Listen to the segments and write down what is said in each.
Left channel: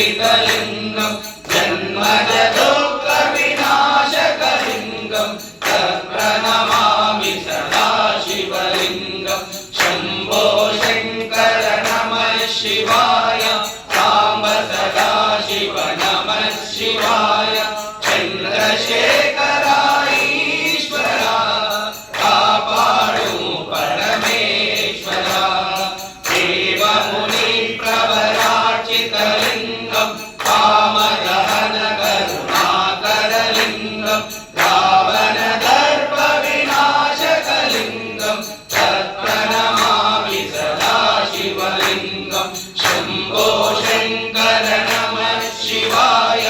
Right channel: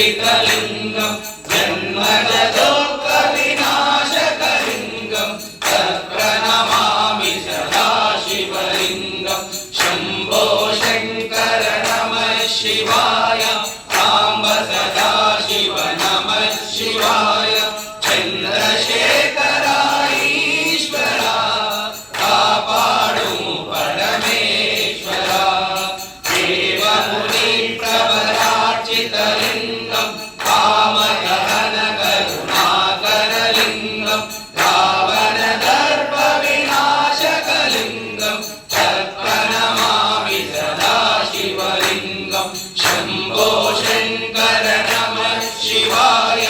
शोभितलिङ्गं जन्मज दुःखविनाशकलिङ्गं तत्प्रणमामि सदा शिवलिङ्गं शम्भो शङ्कर नमः शिवाय साम्ब सदा शिव नमः शिवाय चन्द्रशेखर ईश्वरा कापाडु परमेश्वरा देवमुनि प्रवरार्चितलिङ्गं कामदहन करुणाकरलिङ्गं रावणदर्पविनाशकलिङ्गं तत्प्रणमामि सदा शिवलिङ्गं शम्भो शङ्कर नमः शिवाय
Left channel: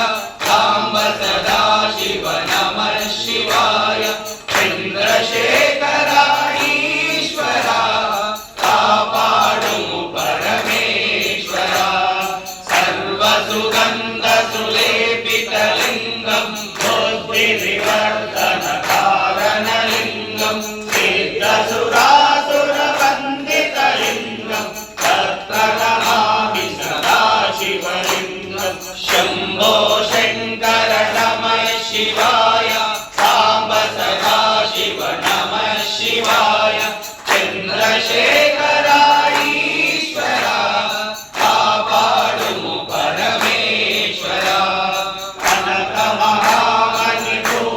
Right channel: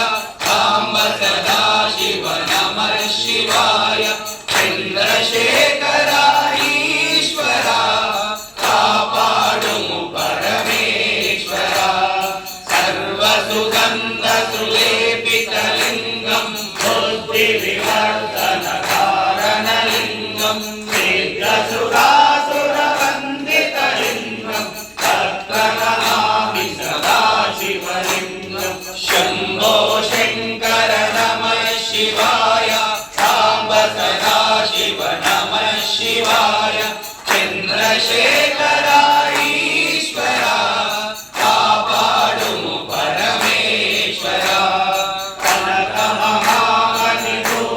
साम्ब सदा शिव नमः शिवाय चन्द्रशेखर ईश्वरा कापाडु परमेश्वरा सर्वसुगन्धसुलेपितलिङ्गं बुद्धिविवर्धनकारणलिङ्गं सिद्धसुरासुरवन्दितलिङ्गं तत्प्रणमामि सदा शिवलिङ्गं शम्भो शङ्कर नमः शिवाय साम्ब सदा शिव नमः शिवाय चन्द्रशेखर ईश्वरा कापाडु परमेश्वरा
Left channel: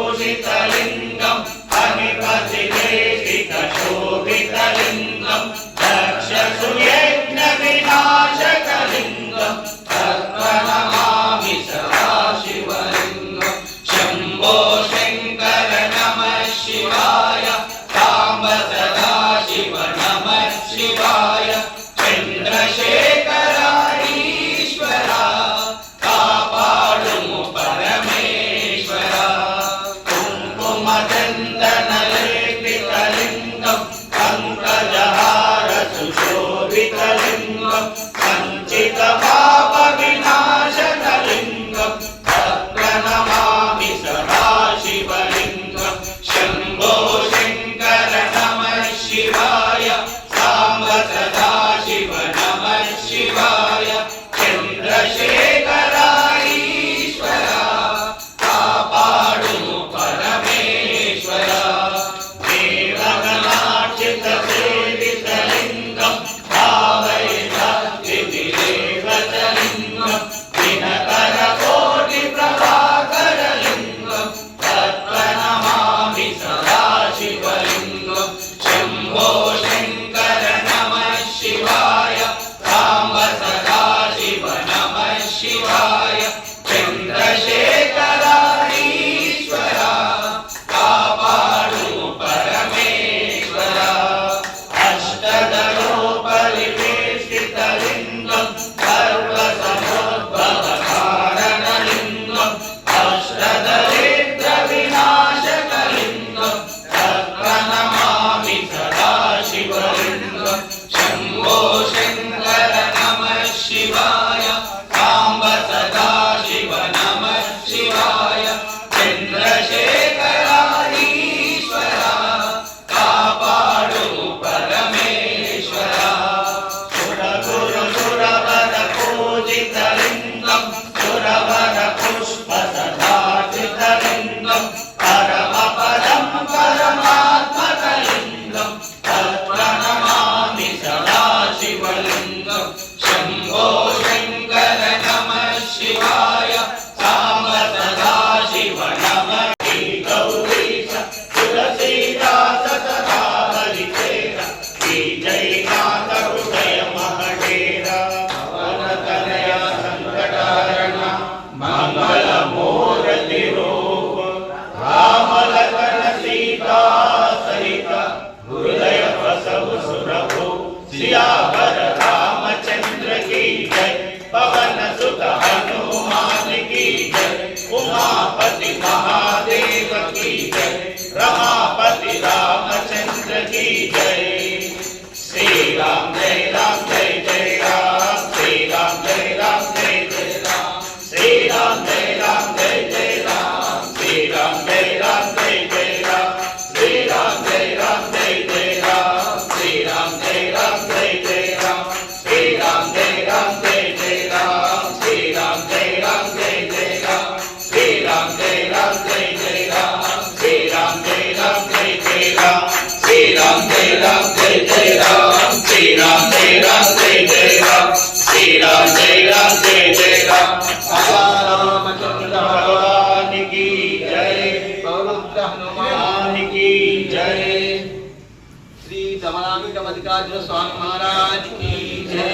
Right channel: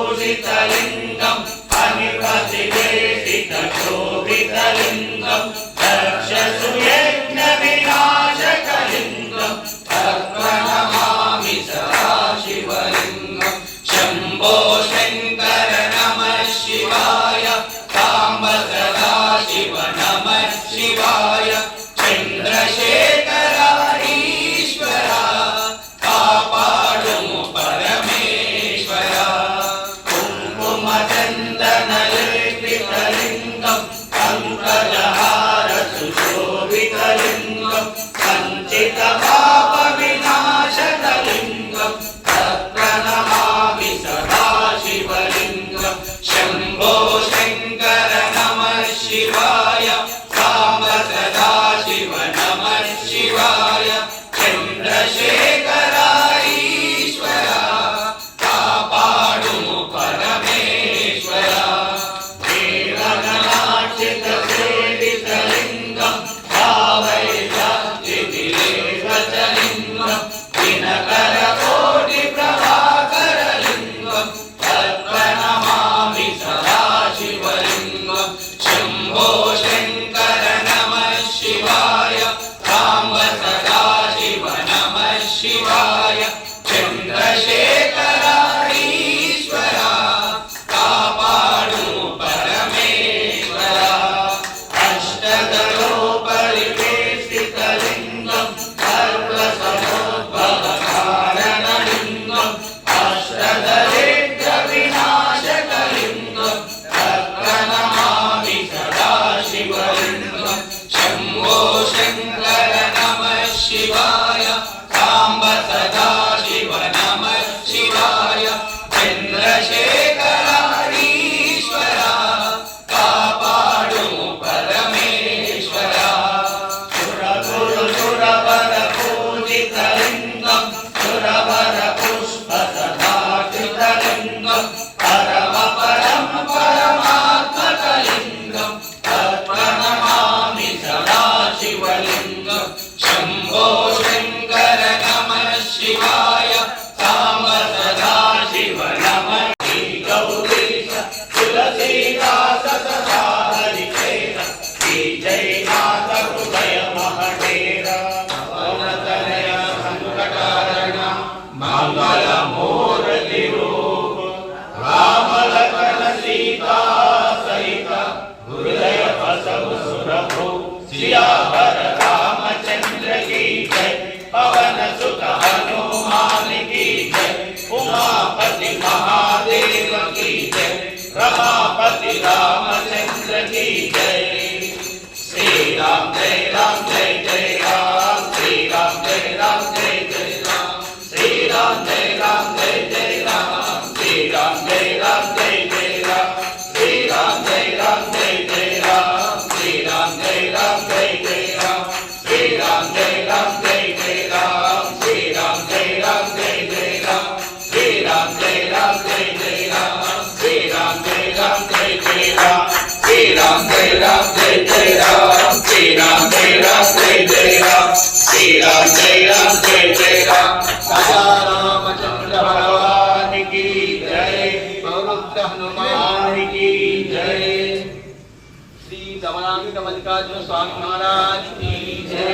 कनकमहागणिभूषितलिङ्गं कनिपतिलेसितशोभितलिङ्गं दक्षसुयज्ञविनाशकलिङ्गं तत्प्रणमामि सदा शिवलिङ्गं शम्भो शङ्कर नमः शिवाय साम्ब सदा शिव नमः शिवाय चन्द्रशेखर ईश्वरा कापाडु परमेश्वरा कुङ्कुमचन्दनलेपितलिङ्गं पङ्कजहार सुशोभितलिङ्गं सञ्चितपापविनाशकलिङ्गं तत्प्रणमामि सदा शिवलिङ्गं शम्भो शङ्कर नमः शिवाय साम्ब सदा शिव नमः शिवाय चन्द्रशेखर ईश्वरा कापाडु परमेश्वरा देवगणार्चितसेवितलिङ्गं भावयितादितिलेवतलिङ्गं दिनकरकोटिप्रभाकरलिङ्गं तत्प्रणमामि सदा शिवलिङ्गं शम्भो शङ्कर नमः शिवाय साम्ब सदा शिव नमः शिवाय चन्द्रशेखर ईश्वरा कापाडु परमेश्वरा अष्टदलोपलिवेशितलिङ्गं सर्वसमुद्भवकारणलिङ्गं अष्टदरिद्रविनाशकलिङ्गं तत्प्रणमामि सदा शिवलिङ्गं शम्भो शङ्कर नमः शिवाय साम्ब सदा शिव नमः शिवाय चन्द्रशेखर ईश्वरा कापाडु परमेश्वरा सुरगुरुसुरवरपूजितलिङ्गं सुरवरपुष्पसदार्चितलिङ्गं परमपरं परमात्मकलिङ्गं तत्प्रणमामि सदा शिवलिङ्गं शम्भो शङ्कर नमः शिवाय साम्ब सदा शिव नमः गौरीश तुलसीदास सदा हरिचेर श्री जयनाथ हृदय महडेर पवनतनय संकटहरण मंगलमूर्ति रूप रामलखन सीता सहित हृदय बसव सुरभु सियावर रामचंद्र की जय पवन सुत हनुमान की जय उमापति महादेव की जय रमापति रामचंद्र की जय श्री राम जय राम जय जय राम श्री राम जय राम जय जय राम श्री राम जय राम जय जय राम श्री राम जय राम जय जय राम श्री राम जय राम जय जय राम श्री राम जय राम जय जय राम श्री राम जय राम जय जय राम श्री राम जय जय राम राजा रामचंद्र भगवान की जय पौरुत्र हनुमान की जय श्री दमनामिक मल्लिकार्जुन स्वामी महाराज की जय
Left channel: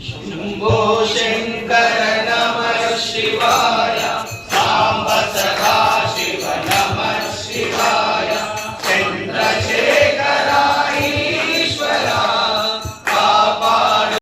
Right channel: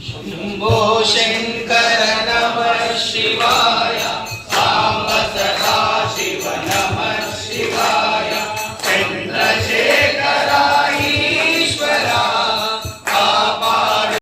शंभो शंकर नमः शिवाय।